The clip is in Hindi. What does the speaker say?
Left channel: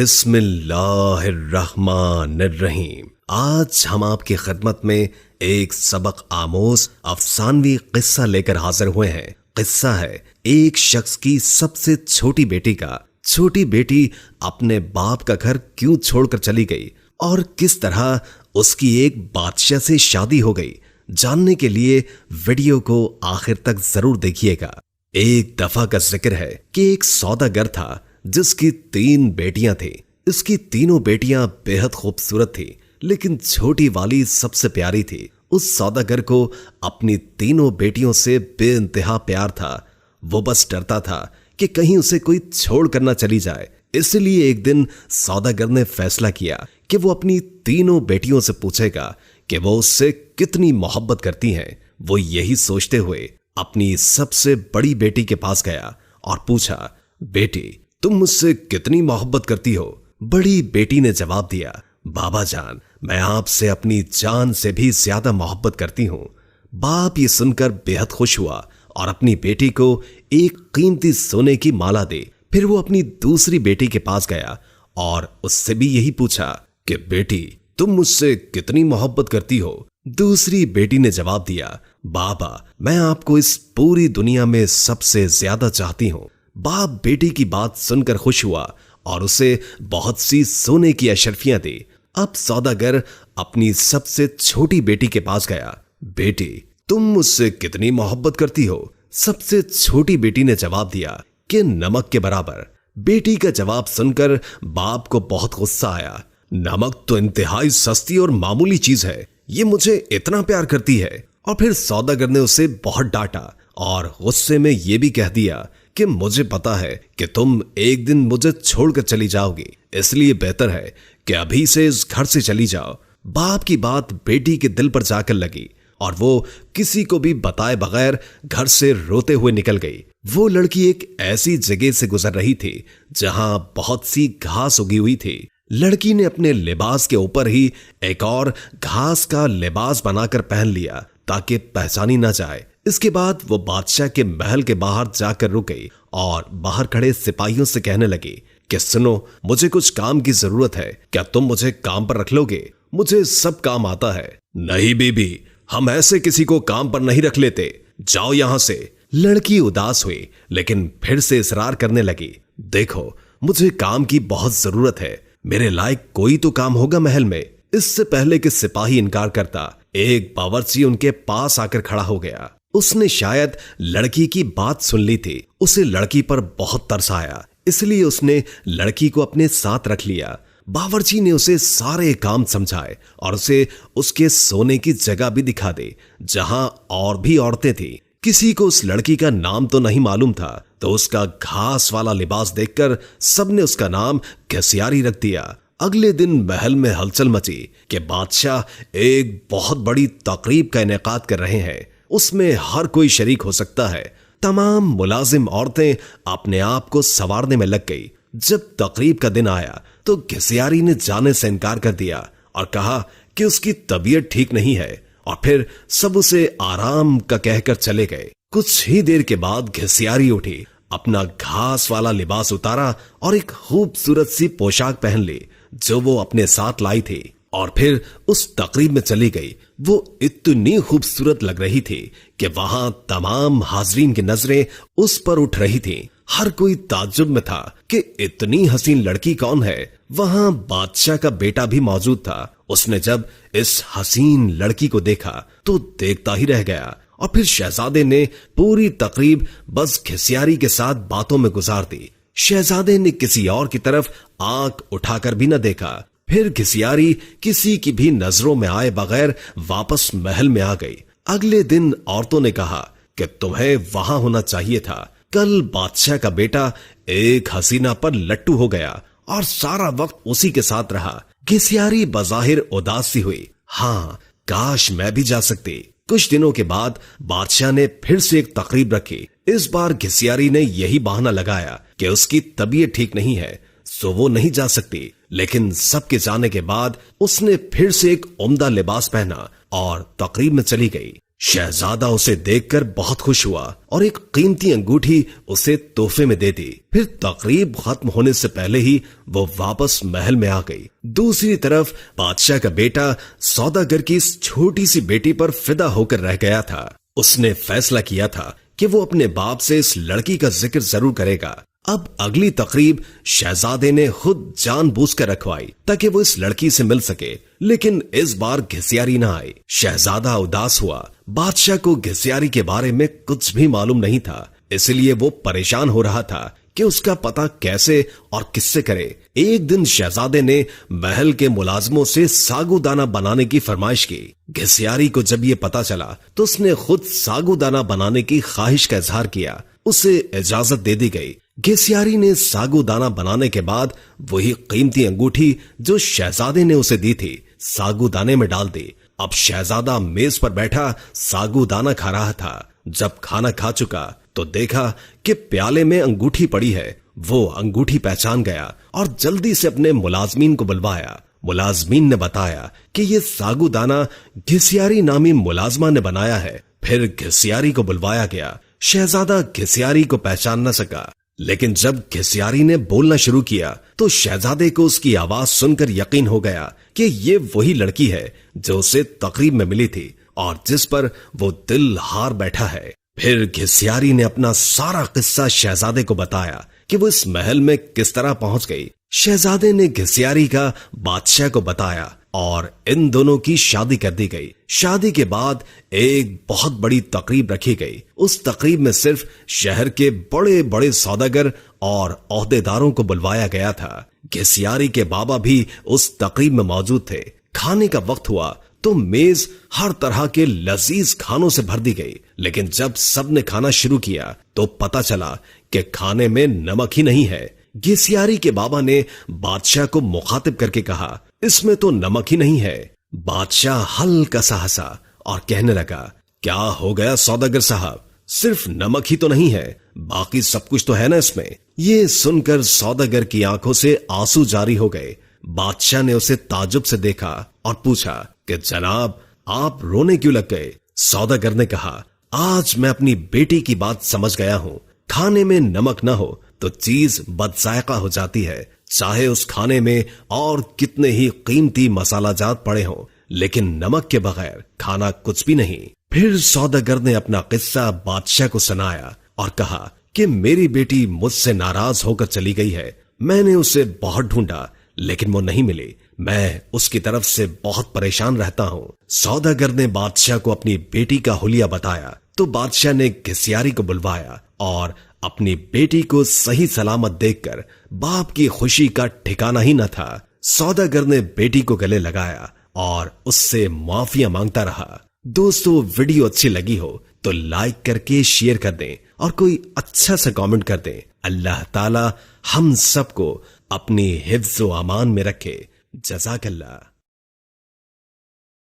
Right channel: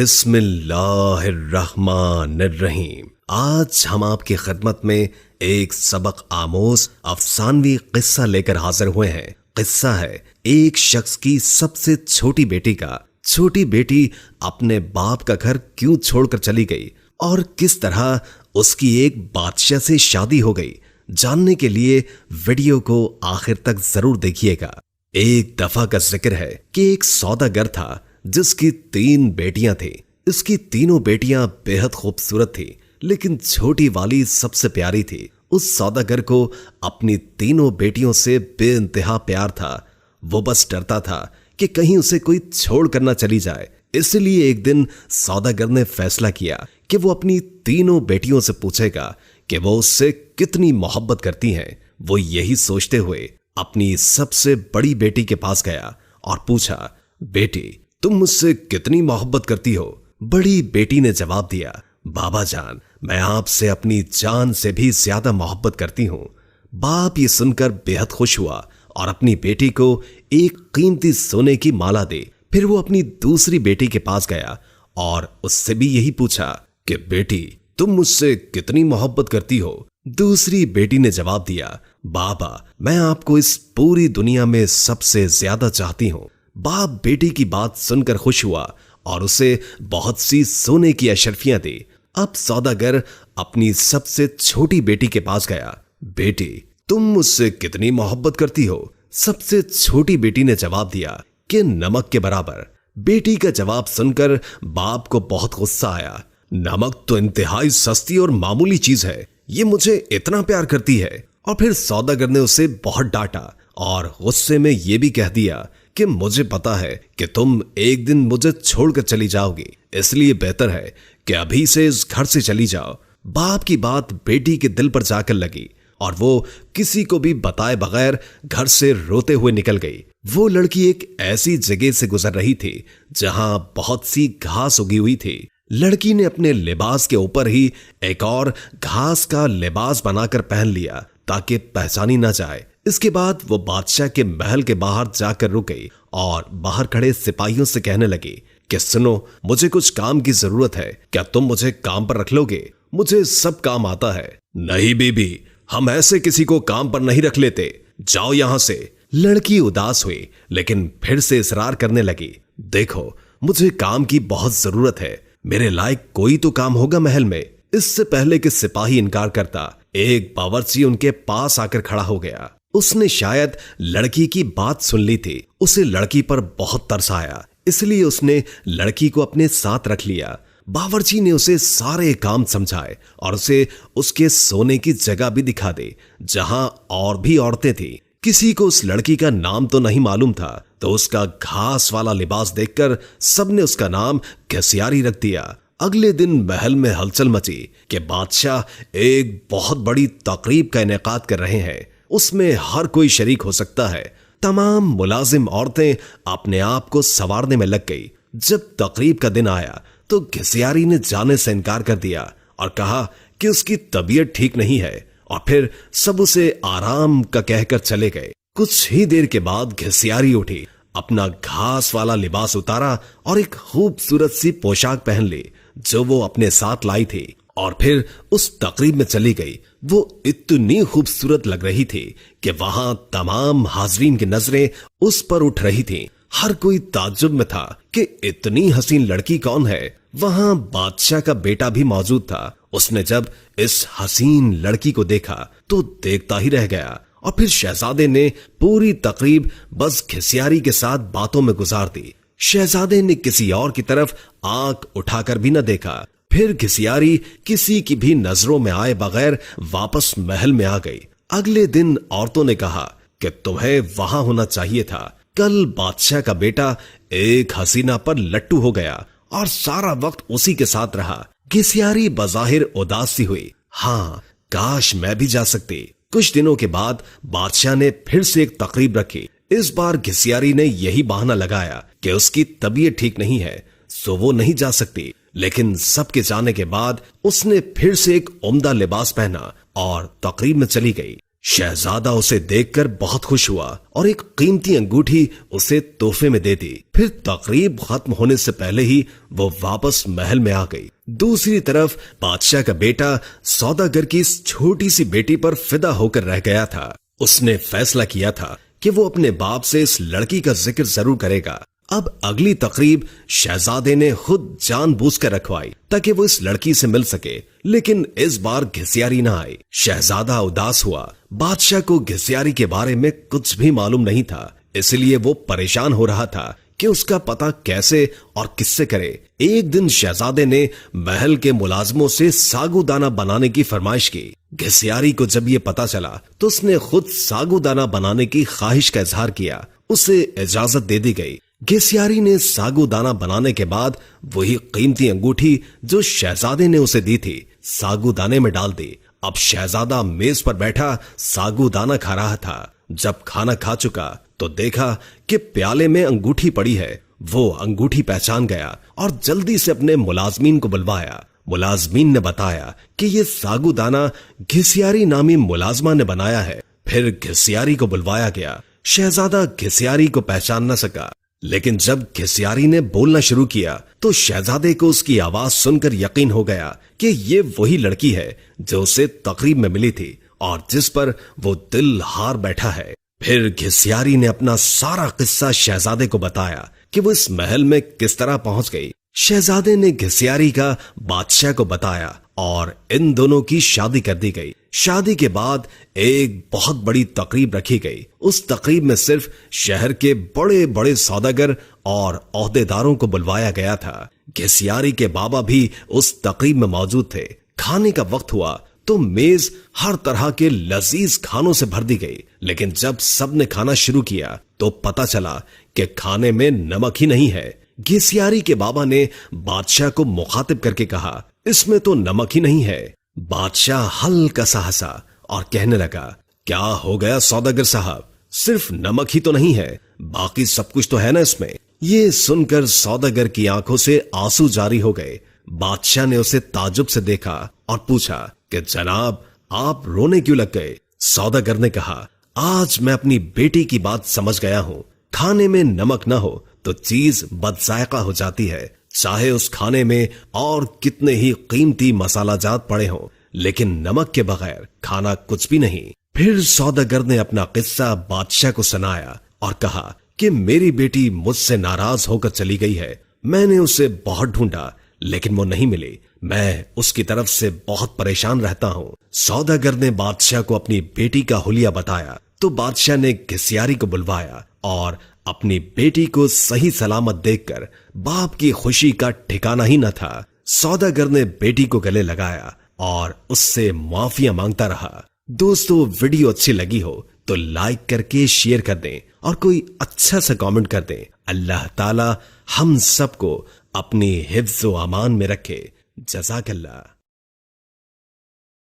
बिस्मिल्लाहिर्रहमानिर्रहीम। आज हम आपकी खिदमत में एक सबक आमोज अफसानवी किस्सा लेकर हाजिर हुए हैं। किस्सा है एक शख्स की सबसे छोटी बेटी का। छोटी बेटी अपने बाप का घर क्यों छोड़कर चली गई और किस तरह उसकी एक बादशाह से शादी हो गई, जानने के लिए वीडियो को आखिर तक जरूर देखिएगा। एक दफा का जिक्र है कि एक सौदागर था जिसकी 3 बेटियां थी। इसकी तीनों बेटियां बेहद खूबसूरत थी, लेकिन छोटी वाली सबसे प्यारी थी। उस सौदागर को अपनी तीनों बेटियों से बेइंतहा प्यार था। वो बस डरता था कि कहीं उसे कोई छोड़ कर ना चली जाए। इसलिए एक दिन सौदागर ने फैसला किया कि वो अपनी तीनों बेटियों से पूछेगा कि वो उससे कितनी मोहब्बत करती हैं। वो यही सोचते हुए अपनी सबसे बड़ी बेटी के पास गया और पूछा, बेटी तुम मुझसे कितनी मोहब्बत करती हो? बड़ी बेटी ने जवाब दिया, बाबा जान मैं आपसे अपनी जान से भी ज्यादा मोहब्बत करती हूँ। बाप ये सुनकर बेहद खुश हुआ और अपनी बेटी को एक कीमती सोने की माला दे। फिर वो अपनी दूसरी बेटी के पास गया और उससे भी यही पूछा कि बेटी तुम मुझसे कितनी मोहब्बत करती हो? दूसरी बेटी ने जवाब दिया, बाबा मैं आपको इस पूरी दुनिया में सबसे ज्यादा चाहती हूँ। बाप बेटी की बात सुनकर खुश हुआ और उसे बहुत सी सोने की अशर्फियां दी। अब सौदागर अपनी सबसे छोटी बेटी के पास गया, बेटी तुम मुझसे कितनी मोहब्बत करती हो? सबसे छोटी बेटी ने जवाब दिया कि नमक के बराबर। बेटी का जवाब सुनकर बाप को बहुत गुस्सा आया। नमक तो इंतहाई सस्ती और मामूली चीज है, ये मुझे इतना प्यार करती है। और फिर सौदागर ने उसे बहुत डांटा और गुस्से में यह भी कह दिया कि मुझे पता है कि तुम एक दिन मुझे छोड़कर चली जाओगी, इसलिए बेहतर है कि अभी से इस घर से चली जाओ। बाप की बात बेटी के दिल पर जाकर लगी और वो किसी को भी बताए बगैर घर से रोते हुए निकल गई। वो लड़की एक ऐसी जगह से गुजर रही थी जहां बहुत सी घास उगी हुई थी। लड़की ने अपने लिबास के ऊपर ही एक और घास का लिबास बनाकर पहन लिया ताकि पहचानी ना जाए। इसके बाद वो बादशाह के महल के बाहर जाकर रुक गई और बाहर खड़े सिपाहियों से कहने लगी कि सुनो, मुझे कुछ काम की जरूरत है, क्या तुम मुझे काम पर रख लोगे? मुझे सब काम आता है। नहीं बीबी, हम ऐसे किसी को काम पर नहीं रख लेते, जाओ यहां से। लड़की उदास हुई लेकिन फिर से इसरार करने लगी, देखो मुझे काम की बहुत जरूरत है, मेरे लायक कोई तो काम होगा महल में। इससे पहले कि सिपाही इनकार करता, एक बावर्ची उनके पास आकर खड़ा हो गया। उसने शायद लड़की की बात सुन ली थी। उसे लड़की पर बहुत तरस आया, इसलिए उसने लड़की को अपने साथ रख लिया। बावर्ची ने उसे सारे काम समझाए और उसे उसके सोने की जगह भी दिखा दी जहां और भी औरतें थी। किसी को उस लड़की का नाम तो नहीं मालूम था, तो उसका घास वाला लिबास देखकर सबने उसका नाम घसियारी रख दिया। अगले दिन महल में हलचल मची कि बादशाह एक बहुत बड़ी तकरीब का इनेकाद कर रहे हैं, उसमें हर कोई शरीक हो सकता है। तमाम मुलाजिम औरतें अपने आप को संवारने में लग गई। जब तकरीब का दिन आया तो घसियारी ने जाने से इनकार कर दिया और कहा कि उसकी तबीयत ठीक नहीं है, और फिर सब उसे आराम का कहकर चले गए। कुछ ही देर के बाद घसियारी उठी, अपना घास वाला लिबास उतारा और एक खूबसूरत सी पोशाक पहन ली जो वो अपने साथ लाई थी, और फिर उस तकरीब में चली गई। वो इतनी खूबसूरत लग रही थी कि वहां तमाम हाज़रीन की नजरें उस पर उठ रही थीं। हर कोई ताज्जुब में था कि इतनी हसीन लड़की कौन है। वहां बादशाह का बेटा भी मौजूद था। उसने जब इस हसीन लड़की को देखा तो देखता ही रह गया, और फिर शहजादे ने पूरी तकरीब बस घसियारी के साथ बातों में गुजार दी। शहजादे ने किसी और की तरफ आंख उठाकर भी न देखा। फिर घसियारी किसी की भी नजरों में आए बगैर वापस महल में आ गई। अगले दिन औरतों ने कहा कि तुम्हें वहां होना चाहिए था। कल बादशाह का बेटा एक हसीना पर लट्टू हो गया और सारा वक्त उसी के साथ रहा। घसियारी बज़ाहिर उदासी हुई, हाँ काश मैं भी जा सकती। कुछ दिनों के बाद बादशाह ने फिर से एक तकरीब रखी। इस बार घसियारी ने यही बहाना लगाया कि उसकी तबीयत ठीक नहीं है, सो वो नहीं जा सकती। लेकिन सबके जाने के बाद उसने फिर से एक उम्दा लिबास पहना और तकरीब में चली गई। शहजादा उसे देखकर बहुत खुश हुआ और एक कीमती अंगूठी उसे तोहफे में दे दी। फिर तकरीब खत्म होने से पहले ही वो वापस महल में आ गई। दूसरी तरफ बादशाह का बेटा सौदागर की इस छोटी सी बेटी पर फिदा होकर रह गया था। उसने फैसला किया था कि वो अपने बाप से इस लड़की का जिक्र जरूर करेगा। अब अगली तकरीब शहजादे ने खुद जानबूझकर रखवाई ताकि वो इस लड़की से मिल सके, लेकिन इस बार घिसियारी न आई। शहजादा उदास हुआ। बादशाह को घिसियारी के बारे में कुछ भी मालूम नहीं था, इसलिए वो परेशान हो रहा था कि उसका पता कैसे और किससे करे। एक दिन शहजादे ने महल के मुलाजमों से सागुदाना बनाने की फरमाइश की। घिसियारी को जब ये पता चला तो उसने खुद सागुदाना बनाने की ख्वाहिश का इजहार किया। उसे इजाजत दे दी गई। घिसियारी ने सागुदाना बनाने के बाद वही कीमती अंगूठी जो शहजादे ने उसे दी थी सागुदाने में डाल दी। अब शहजादा मेज पर बैठा सागुदाना खा रहा था। जब खाना खा चुका तो देखा कि प्याले में अंगूठी पड़ी है। वो अंगूठी पहचान गया और जल्दी से अपने मुलाजमीन को बुलवाया। मुलाजमीन ने बताया कि ये सागुदाना घिसियारी नामी मुलाजमा ने बनाया है। फिर घिसियारी को बुलवाया गया। शहजादा घिसियारी को पहचान न सका, लेकिन जब घिसियारी ने बोलना शुरू किया तो शहजादे को उसकी आवाज सुनकर यकीन हो गया कि ये वही लड़की है जो उसे तकरीब में मिली थी और जिस पर वो दिल हार बैठा है। फिर घिसियारी ने अपना सारा किस्सा शहजादे को बताया कि वो इस महल में किस तरह पहुंच गई। शहजादे ने घिसियारी का बादशाह को बताया और इन दोनों की शादी कर दी गई। शादी के बाद एक बहुत बड़ी तकरीब रखी गई। उस तकरीब में सिर्फ शहर के बड़े बड़े सौदागर और ओहदेदारों को बुलवाया गया था। घिसियारी के बाबा भी उस तकरीब में मौजूद थे। खाने का वक्त हुआ तो मेज हर तरह के लजीज खानों से भर दी गई, लेकिन जब सबने खाना शुरू किया तो पता चला कि खाने में नमक ही नहीं है। घिसियारी के बाबा ने बादशाह को मुखातिब करके कहा, इसमें तो नमक ही नहीं है। बादशाह हल्का सा हंसा और कहने लगा, क्या हो गया सौदागर साहब, सिर्फ नमक ही तो नहीं है, बाकी सब कुछ तो है ना इसमें। ये सुनकर सौदागर की आंखों से आंसू जारी हो गए। बादशाह ने उसे ताजुब से देखा और पूछा कि जनाब आप रोने क्यों लग गए। सौदागर ने कहा, आज मैं अपनी बेटी की बात समझ गया हूँ। खाने में नमक ना हो तो चीज बदजायका हो जाती है, चाहे उस खाने में और कितने ही कीमती मसाला जात पड़े हों, लेकिन नमक के बगैर खाना कुछ भी नहीं। फिर सौदागर ने अपना किस्सा बादशाह को सुनाया और कहा कि मेरी बेटी मुझसे नाराज होकर चली गई है। मैंने उसे बहुत ढूंढा लेकिन वो नहीं मिली। मैं उसकी तरफ से बहुत परेशान रहता हूँ। सौदागर ने बादशाह को अपनी बेटी का हुलिया बताया तो बादशाह ने घिसियारी को बुलवाया और अपनी बेटी को सही सलामत देखकर बाप की खुशी का ठिकाना ही न था। सौदागर ने बेटी को गले लगाया और उससे माफिया मांगता रहा। दोस्तों, वीडियो अच्छी लगी हो तो लाइक करके शेयर कर दें और कोई अच्छा सा कमेंट कर दें। अल्लाह ताला हम सबको अपनी हिफ्ज़ व अमान में रखे। जज़ाकल्लाह।